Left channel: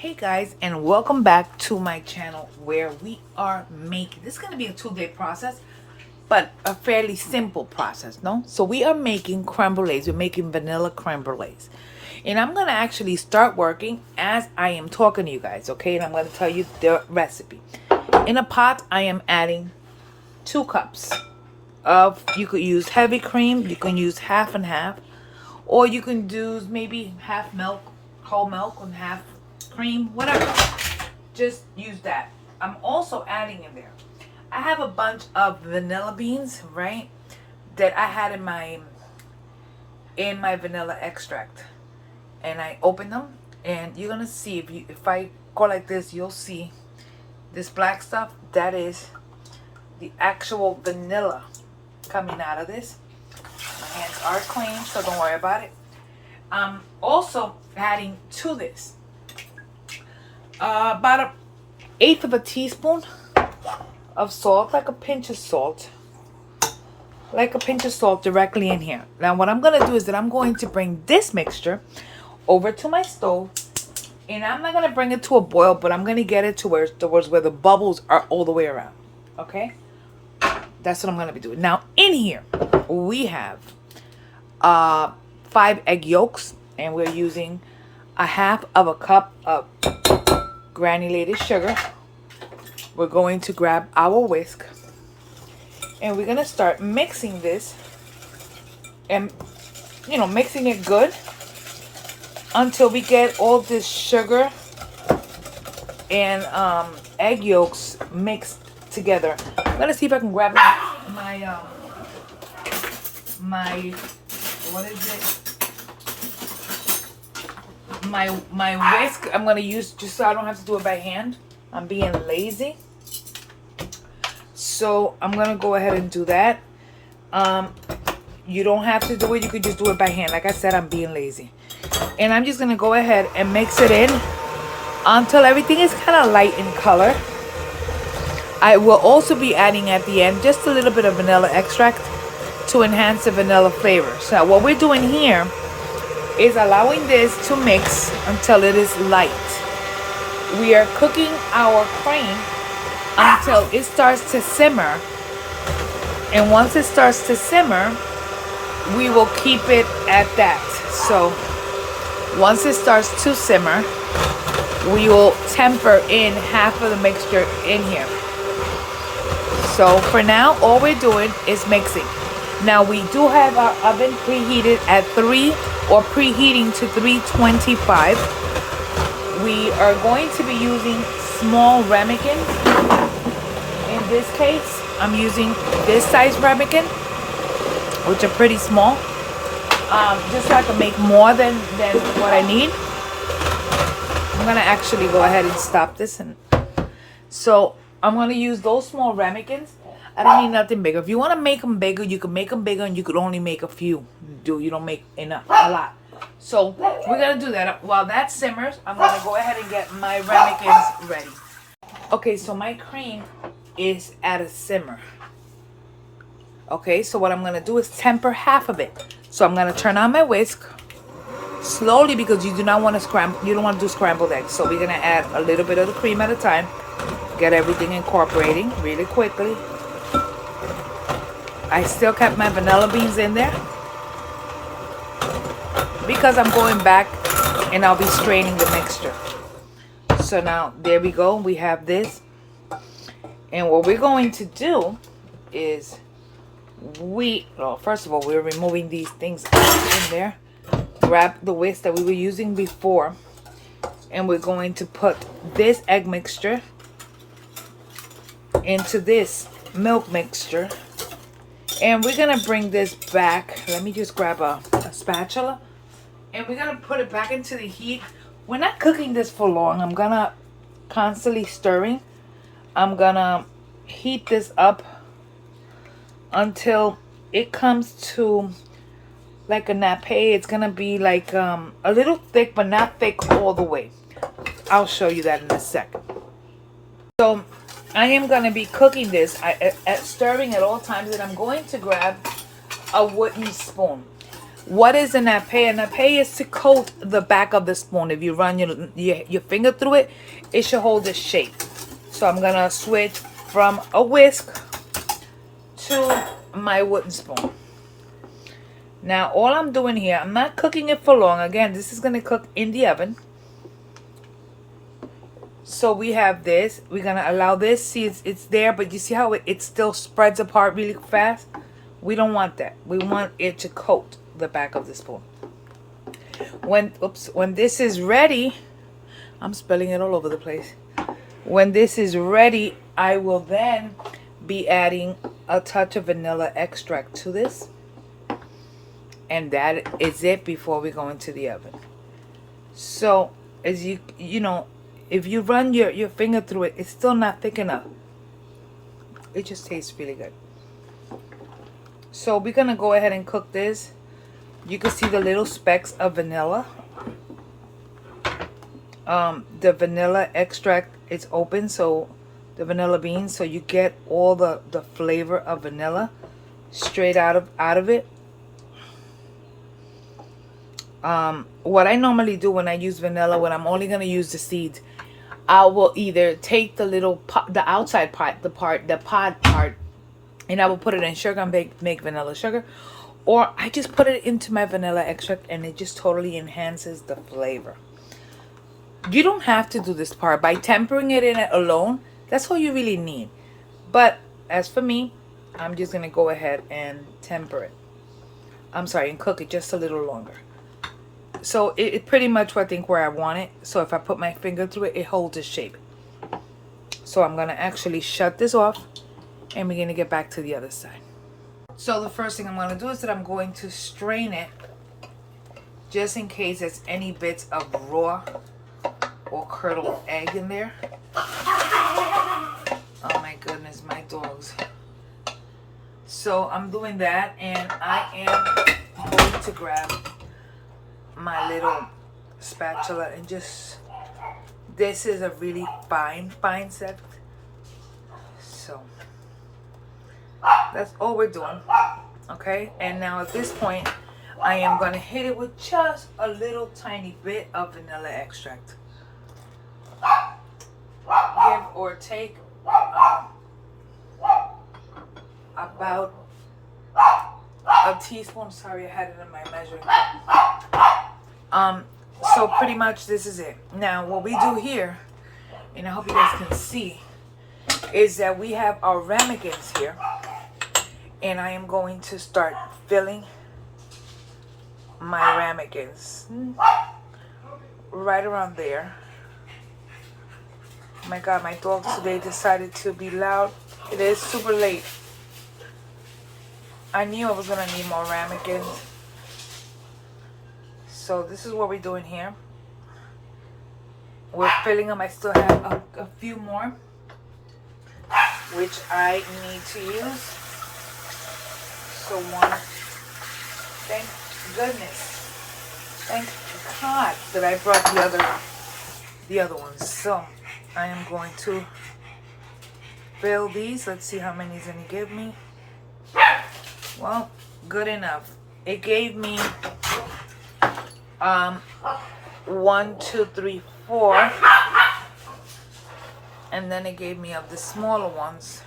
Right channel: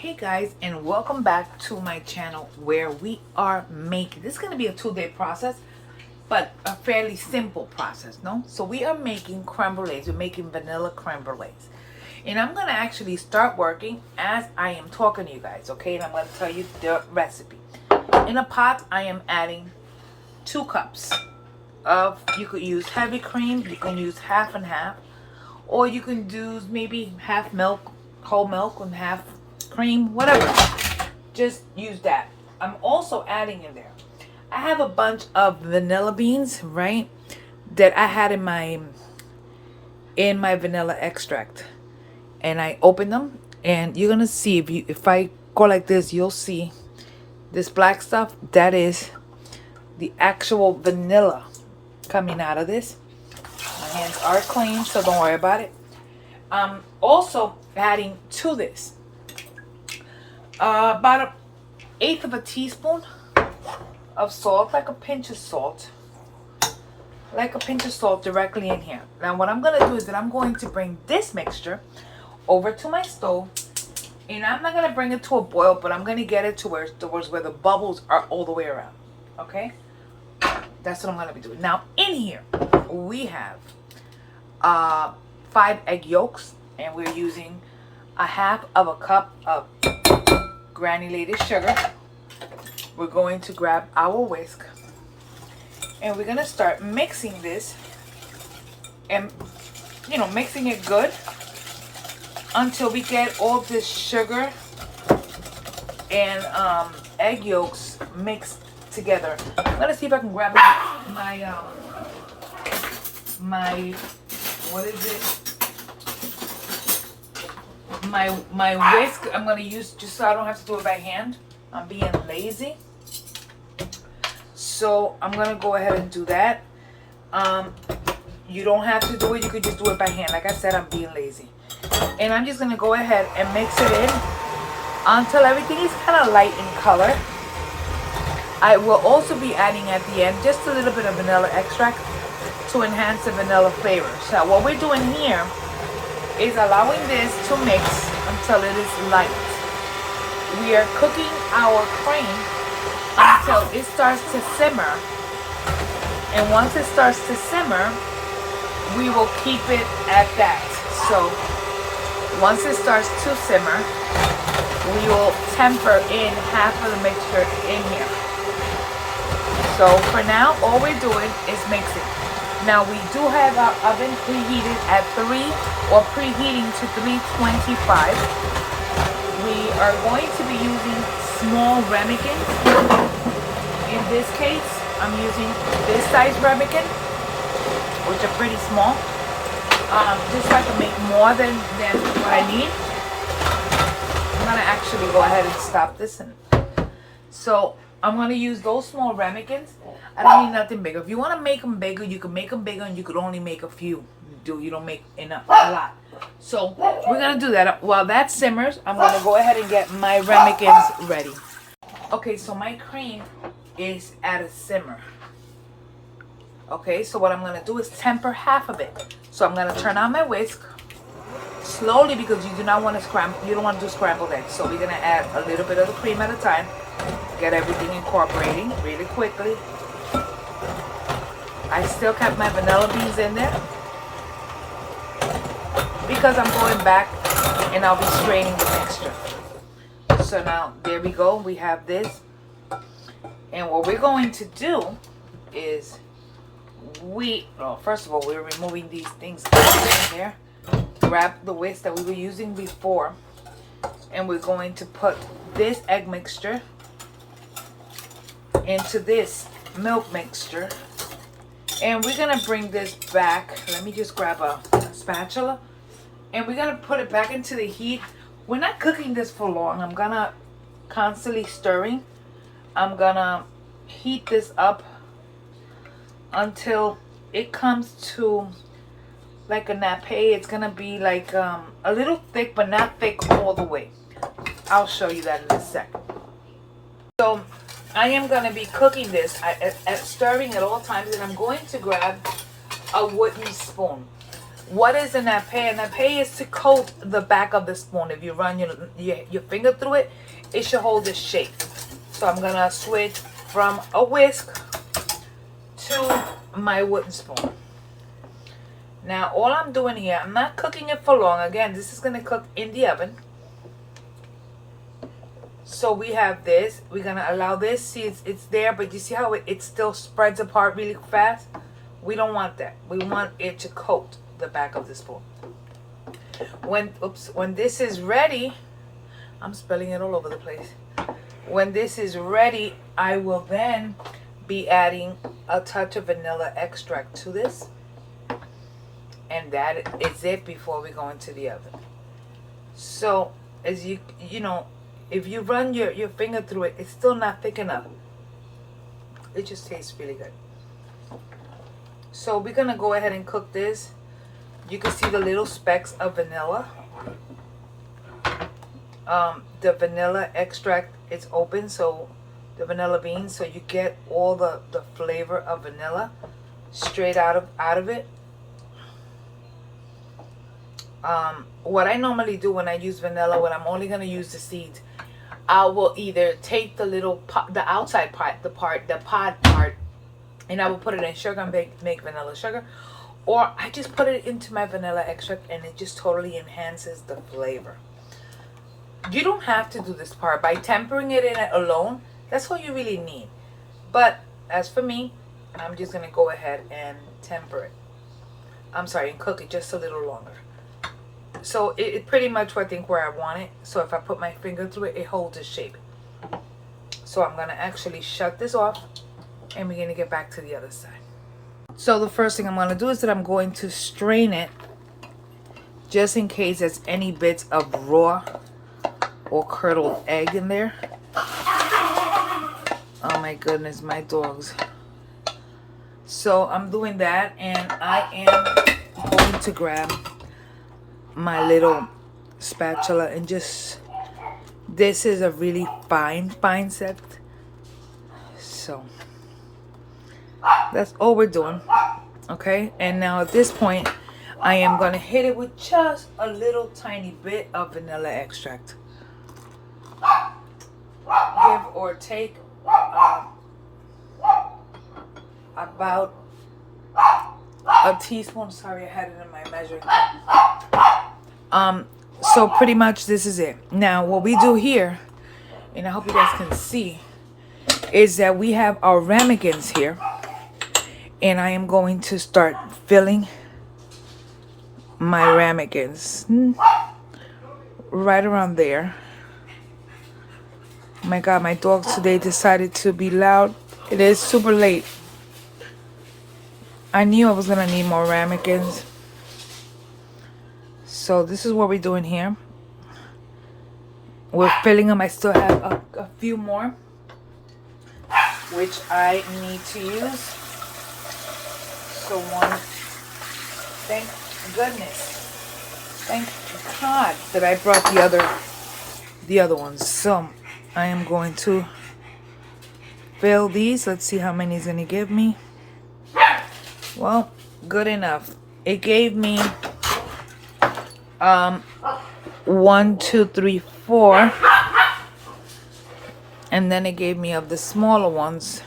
Hey guys, and welcome back to my channel where we are making, this is going to be a 2-day process, but a fairly simple process, no? So we are making creme brulees. We're making vanilla creme brulees. And I'm going to actually start working as I am talking to you guys, okay? And I'm going to tell you the recipe. In a pot, I am adding 2 cups of, you could use heavy cream, you can use half and half, or you can do maybe half milk, whole milk, and half cream, whatever. Just use that. I'm also adding in there, I have a bunch of vanilla beans, right, that I had in my vanilla extract, and I opened them, and you're gonna see, if I go like this, you'll see this black stuff. That is the actual vanilla coming out of this. My hands are clean, so don't worry about it. Also adding to this about an eighth of a teaspoon of salt, like a pinch of salt, directly in here. Now what I'm gonna do is that I'm going to bring this mixture over to my stove, and I'm not gonna bring it to a boil, but I'm gonna get it towards where the bubbles are all the way around. Okay, that's what I'm gonna be doing. Now in here we have 5 egg yolks, and we're using a half of a cup of granulated sugar. We're going to grab our whisk, and we're gonna start mixing this, and mixing it good until we get all this sugar and egg yolks mixed together. I'm gonna see if I can grab my what is it? My whisk. I'm gonna use just so I don't have to do it by hand. I'm being lazy, so I'm gonna go ahead and do that. You don't have to do it. You could just do it by hand. Like I said, I'm being lazy, and I'm just gonna go ahead and mix it in until everything is kind of light in color. I will also be adding at the end just a little bit of vanilla extract to enhance the vanilla flavor. So what we're doing here is allowing this to mix until it is light. We are cooking our cream until it starts to simmer, and once it starts to simmer, we will keep it at that. So once it starts to simmer, we will temper in half of the mixture in here. So for now, all we're doing is mixing. Now we do have our oven preheated at 3 or preheating to 325. We are going to be using small ramekins. In this case, I'm using this size ramekin, which are pretty small. Just so I can make more than what I need. I'm gonna actually go ahead and stop this, and so I'm gonna use those small ramekins. I don't need nothing bigger. If you want to make them bigger, you can make them bigger, and you could only make a few. You don't make enough, a lot. So we're gonna do that. While that simmers, I'm gonna go ahead and get my ramekins ready. Okay, so my cream is at a simmer. Okay, so what I'm gonna do is temper half of it. So I'm gonna turn on my whisk slowly, because you do not want to scramble. You don't want to do scrambled eggs. So we're gonna add a little bit of the cream at a time. Get everything incorporating really quickly. I still kept my vanilla beans in there because I'm going back and I'll be straining the mixture. So now there we go. We have this, and what we're going to do is first of all, we're removing these things in there. Grab the whisk that we were using before, and we're going to put this egg mixture into this milk mixture, and we're gonna bring this back. Let me just grab a spatula, and we're gonna put it back into the heat. We're not cooking this for long. I'm gonna constantly stirring. I'm gonna heat this up until it comes to like a nappe. It's gonna be like a little thick, but not thick all the way. I'll show you that in a second. So I am going to be cooking this at stirring at all times, and I'm going to grab a wooden spoon. What is a nappe? A nappe is to coat the back of the spoon. If you run your finger through it, it should hold its shape. So I'm gonna switch from a whisk to my wooden spoon. Now all I'm doing here, I'm not cooking it for long. Again, this is gonna cook in the oven. So we have this. We're gonna allow this. See, it's there, but you see how it still spreads apart really fast? We don't want that. We want it to coat the back of the spoon. When this is ready, I'm spilling it all over the place. When this is ready, I will then be adding a touch of vanilla extract to this. And that is it before we go into the oven. So as you know, if you run your finger through it, it's still not thick enough. It just tastes really good. So we're gonna go ahead and cook this. You can see the little specks of vanilla. The vanilla extract is open, so the vanilla beans, so you get all the flavor of vanilla straight out of it. What I normally do when I use vanilla, when I'm only gonna use the seeds, I will either take the little the outside part, the pod part, and I will put it in sugar and make vanilla sugar, or I just put it into my vanilla extract and it just totally enhances the flavor. You don't have to do this part. By tempering it in it alone, that's all you really need. But as for me, I'm just gonna go ahead and temper it. I'm sorry, and cook it just a little longer. So it pretty much, I think, where I want it. So if I put my finger through it, it holds its shape. So I'm gonna actually shut this off, and we're gonna get back to the other side. So the first thing I'm gonna do is that I'm going to strain it, just in case there's any bits of raw or curdled egg in there. Oh my goodness, my dogs. So I'm doing that, and I am going to grab my little spatula and just, this is a really fine set. So that's all we're doing. Okay, and now at this point I am going to hit it with just a little tiny bit of vanilla extract. Give or take about a teaspoon. Sorry, I had it in my measuring cup. So pretty much this is it. Now what we do here, and I hope you guys can see, is that we have our ramekins here, and I am going to start filling my ramekins right around there. Oh my God, my dogs today decided to be loud. It is super late. I knew I was gonna need more ramekins. So this is what we're doing here. We're filling them. I still have a few more, which I need to use. So one, thank goodness, thank God that I brought the other ones. So I am going to fill these. Let's see how many it's gonna give me. Well, good enough. It gave me 1, 2, 3, 4, and then it gave me, of the smaller ones,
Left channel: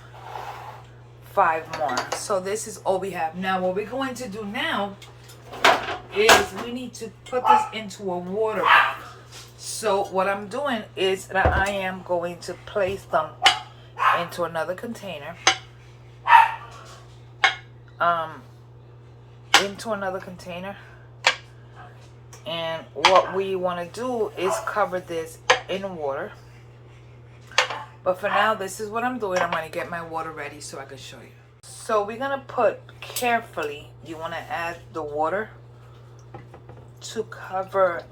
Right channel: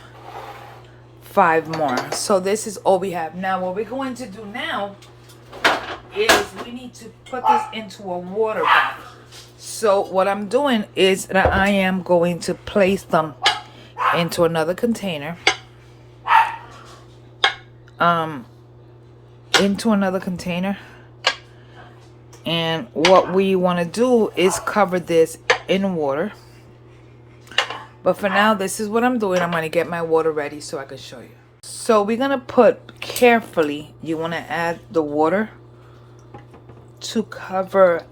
5 more. So this is all we have. Now what we're going to do now is we need to put this into a water bath. So what I'm doing is that I am going to place them into another container. And what we want to do is cover this in water. But for now, this is what I'm doing. I'm going to get my water ready so I can show you. So we're going to put carefully, you want to add the water to cover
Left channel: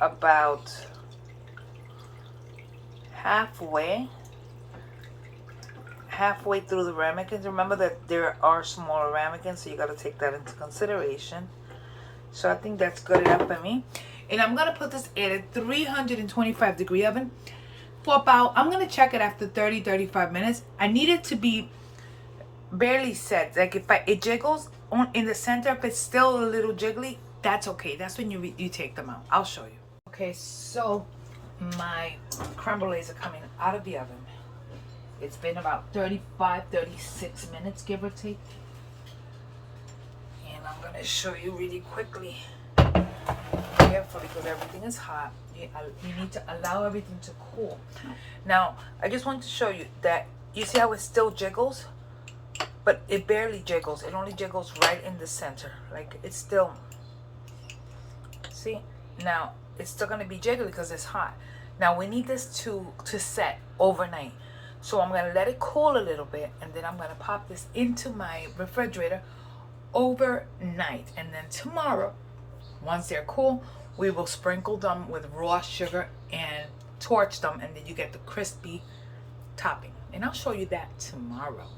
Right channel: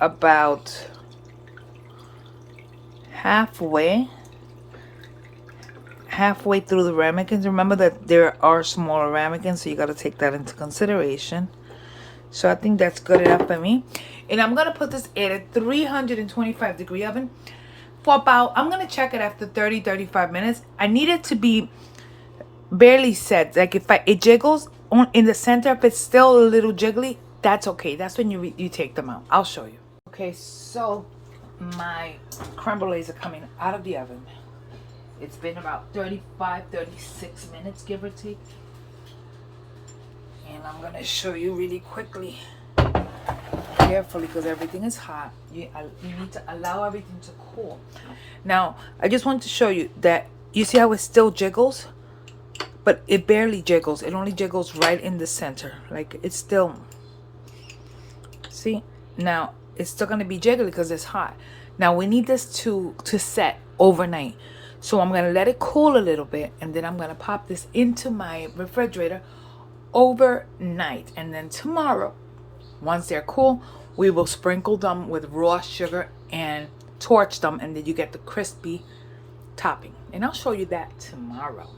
about halfway through the ramekins. Remember that there are smaller ramekins, so you got to take that into consideration. So I think that's good enough for me. And I'm going to put this in a 325 degree oven for about, I'm going to check it after 30-35 minutes. I need it to be barely set. Like if it jiggles in the center, if it's still a little jiggly, that's okay. That's when you take them out. I'll show you. Okay, so my creme brulees are coming out of the oven. It's been about 36 minutes, give or take. And I'm going to show you really quickly. Carefully, because everything is hot. You need to allow everything to cool. Now, I just want to show you that you see how it still jiggles? But it barely jiggles. It only jiggles right in the center. Like, it's still... See? Now, it's still going to be jiggly because it's hot. Now, we need this to set overnight. So, I'm going to let it cool a little bit. And then I'm going to pop this into my refrigerator overnight. And then tomorrow, once they're cool, we will sprinkle them with raw sugar and torch them. And then you get the crispy topping. And I'll show you that tomorrow.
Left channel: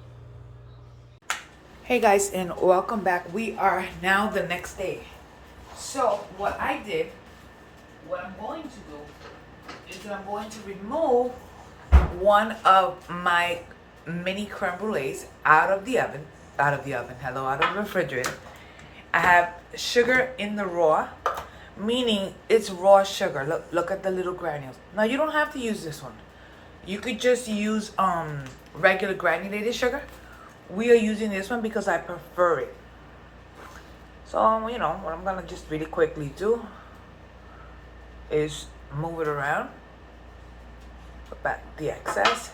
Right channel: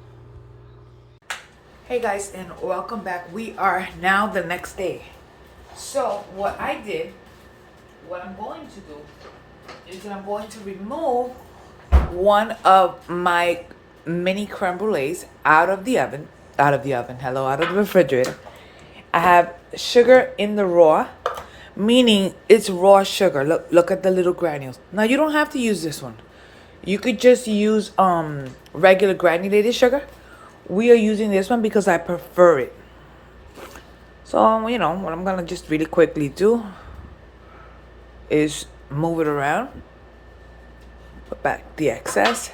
Hey guys, and welcome back. We are now the next day. So what I'm going to do is that I'm going to remove one of my mini creme brulees out of the refrigerator. I have sugar in the raw, meaning it's raw sugar. Look at the little granules. Now you don't have to use this one. You could just use regular granulated sugar. We are using this one because I prefer it. So, you know, what I'm going to just really quickly do is move it around. Put back the excess.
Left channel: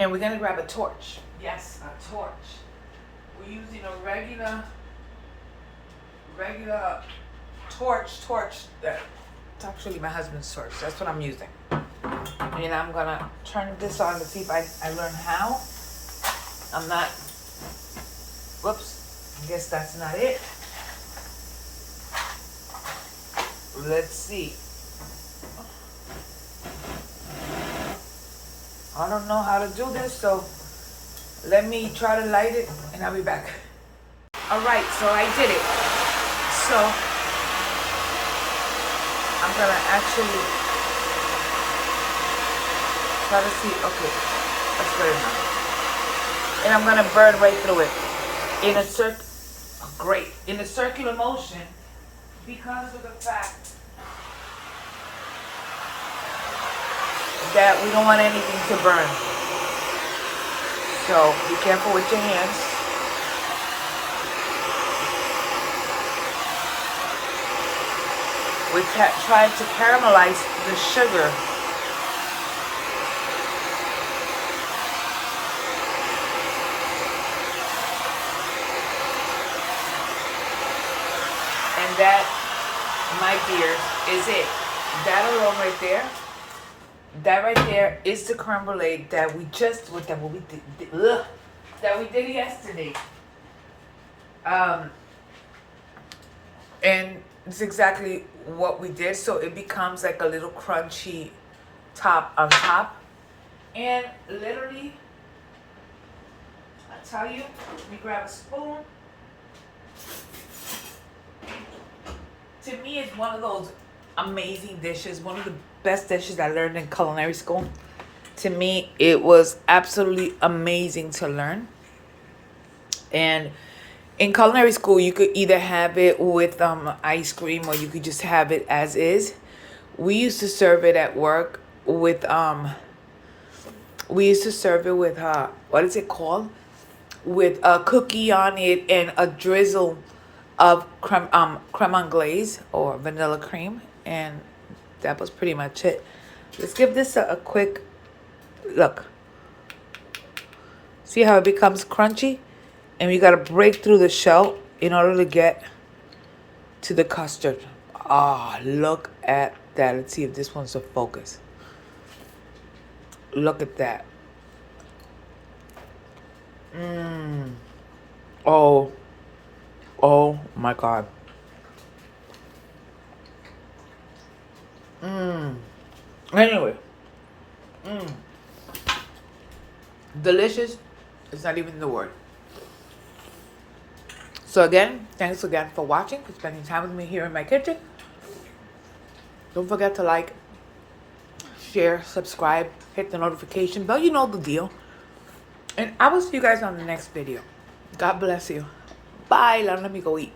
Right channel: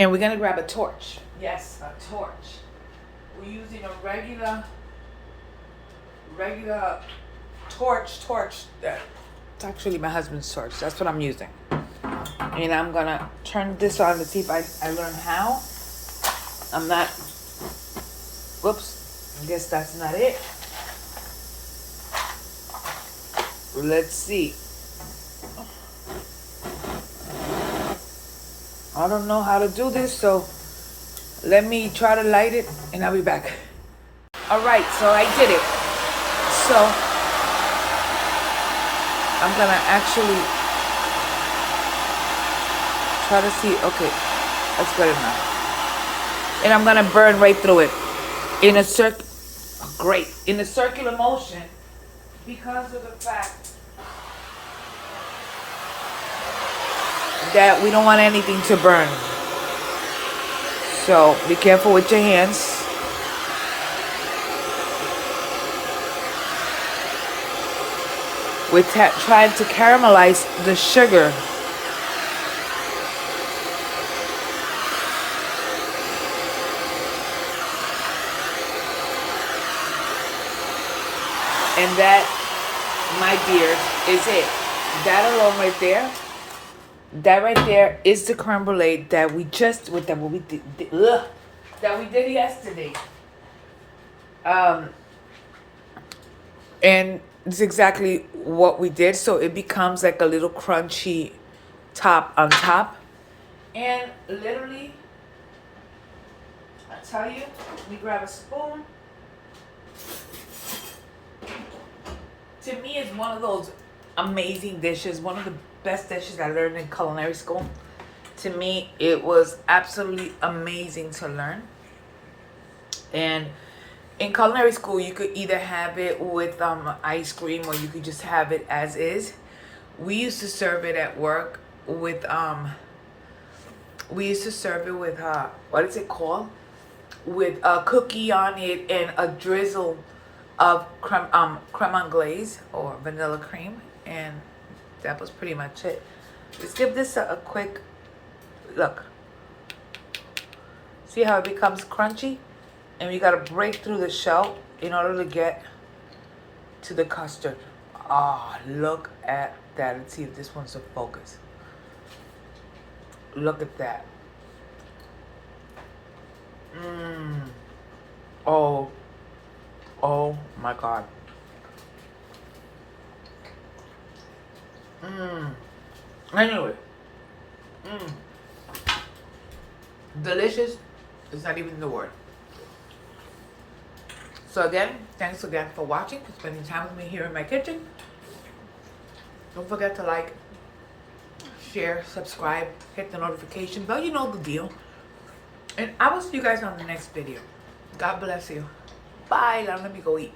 And we're going to grab a torch. Yes, a torch. We're using a regular torch. It's actually my husband's torch. That's what I'm using. And I'm gonna turn this on to see if I learn how. I'm not, whoops, I guess that's not it. Let's see. I don't know how to do this, so let me try to light it and I'll be back. All right, so I did it. So I'm gonna actually try to see. Okay, that's good enough. And I'm gonna burn right through it in a circular motion because of the fact that we don't want anything to burn. So be careful with your hands. We're trying to caramelize the sugar. And that, my dears, is it. That alone right there, that right there is the creme brulee that we just, that we did yesterday. And it's exactly what we did. So it becomes like a little crunchy top on top. And literally, I tell you, we grab a spoon. To me, it's one of those amazing dishes. One of the best dishes I learned in culinary school. To me, it was absolutely amazing to learn. And in culinary school, you could either have it with ice cream or you could just have it as is. We used to serve it at work with what is it called? With a cookie on it and a drizzle of creme anglaise or vanilla cream, and that was pretty much it. Let's give this a quick look. See how it becomes crunchy? And we gotta break through the shell in order to get to the custard. Ah, look at that. Let's see if this one's a focus. Look at that. Oh my God. Anyway. Delicious is not even the word. So again, thanks again for watching, for spending time with me here in my kitchen. Don't forget to like, share, subscribe, hit the notification bell. You know the deal. And I will see you guys on the next video. God bless you. Bye. Let me go eat.